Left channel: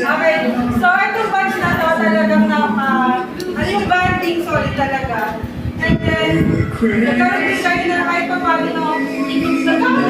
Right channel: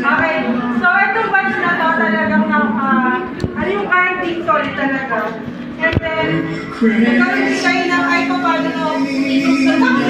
Okay. So, itong bands na to talagang ano yung banding solid talaga. And then, nagkaroon din kayo na kahit pa paano, nagkaroon